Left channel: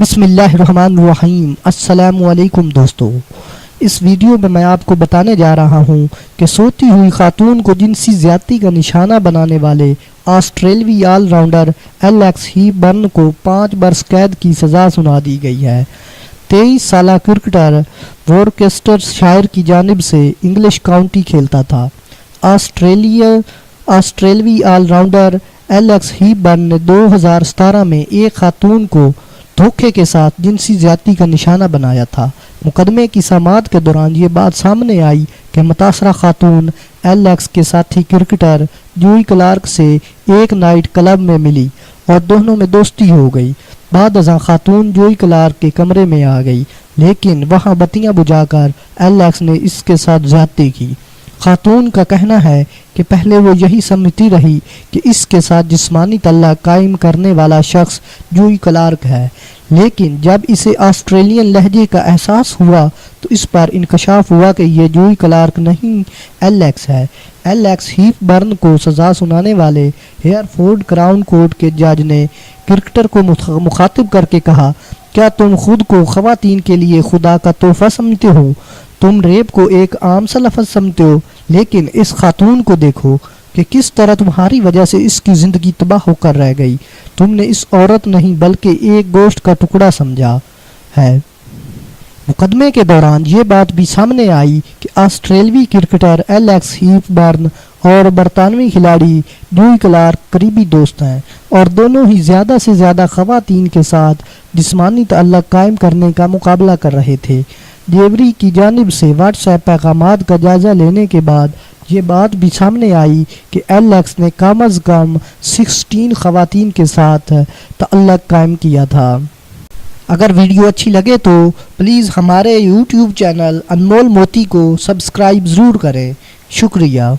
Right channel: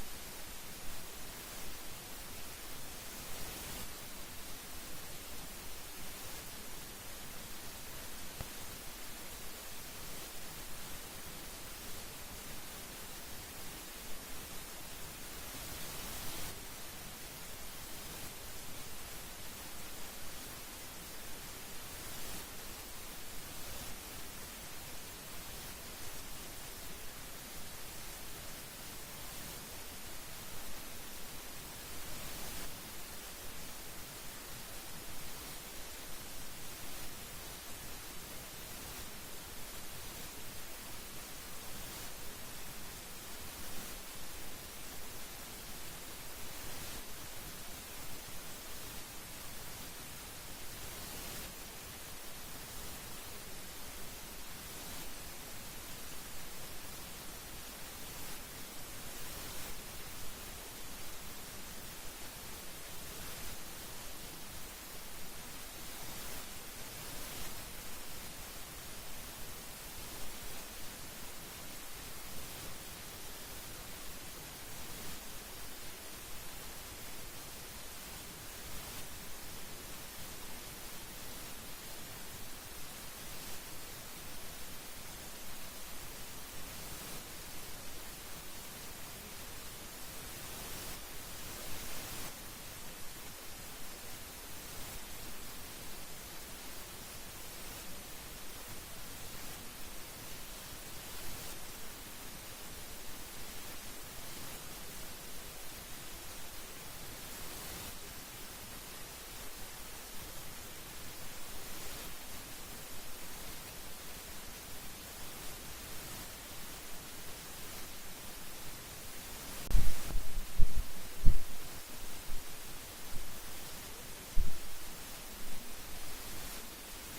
بسم اللہ الرحمن الرحیم۔ السلام علیکم دوستو، اس ویڈیو میں میں آپ کو بتانے جا رہا ہوں کہ سوتی ہوئی خاتون کو جنسی زیادتی کا نشانہ بنانے والے آسٹریلوی آل راؤنڈر ایلیکس ہیپبرن کو 5 برس قید کی سزا سنا دی گئی ہے۔ 23 سالہ کرکٹر وورکسٹر شائر کی جانب سے انگلش کاؤنٹی کھیلتا تھا۔ آسٹریلوی آل راؤنڈر ایلیکس ہیپبرن نے 2017 میں ایک خاتون کو دھوکے کے ساتھ جنسی زیادتی کا نشانہ بنایا تھا۔ مقدمے کی سماعت کے دوران یہ بات سامنے آئی کہ متاثرہ خاتون ایلیکس کے ساتھی کرکٹر جوئی کلارک سے ایک نائٹ کلب میں ملی اور دونوں میں دوستی ہو گئی۔ بعد ازاں خاتون جوئی کلارک کے کمرے میں آ گئی، لیکن وہاں بتیاں بجھا کر ایلیکس نے اس کے ساتھ زیادتی کی۔ خاتون کا کہنا ہے کہ پہلے وہ یہی سمجھتی رہی کہ اس کے ساتھ جسمانی تعلق قائم کرنے والا شخص جوئی کلارک ہے، لیکن جب اسے آسٹریلین لہجے کا احساس ہوا تو اس پر انکشاف ہوا کہ یہ جوئی کلارک نہیں ایلیکس ہے۔ ایلیکس ہیپبرن کو سزا سنانے والے ہیئرفورڈ کراؤن کورٹ کے جج نے کرکٹر کو مخاطب کر کے کہا، کیا تم خود کو خواتین کے لیے خدا کا تحفہ سمجھتے ہو؟ تم ریپ کو ایک عام سا لفظ سمجھتے ہو، لیکن اس خاتون کو دیکھو کہ کس طرح تمہاری وجہ سے اس کی زندگی تباہ ہو کر رہ گئی۔ تم نے اس عورت نہیں بلکہ ایک گوشت کا ٹکڑا سمجھا ہے۔ مقدمے کے دوران یہ بات بھی سامنے آئی کہ آسٹریلوی کرکٹر ایلیکس ہیپبرن اور برطانوی کھلاڑی جوئی کلارک قریبی دوست ہیں اور دونوں ہی زیادہ سے زیادہ خواتین کے ساتھ جسمانی تعلق قائم کرنے کا مقابلہ کر رہے تھے۔ جیوری کی جانب سے واٹس ایپ پیغامات کا جائزہ لینے کے بعد یہ بات بھی سامنے آئی کہ ایلیکس نے کم از کم 16 خواتین کے ساتھ تعلق قائم کیا تھا۔ اگر ویڈیو اچھی لگے تو پلیز ہمارے یوٹیوب چینل انمول موتی کو سبسکرائب ضرور کریں۔ شکریہ۔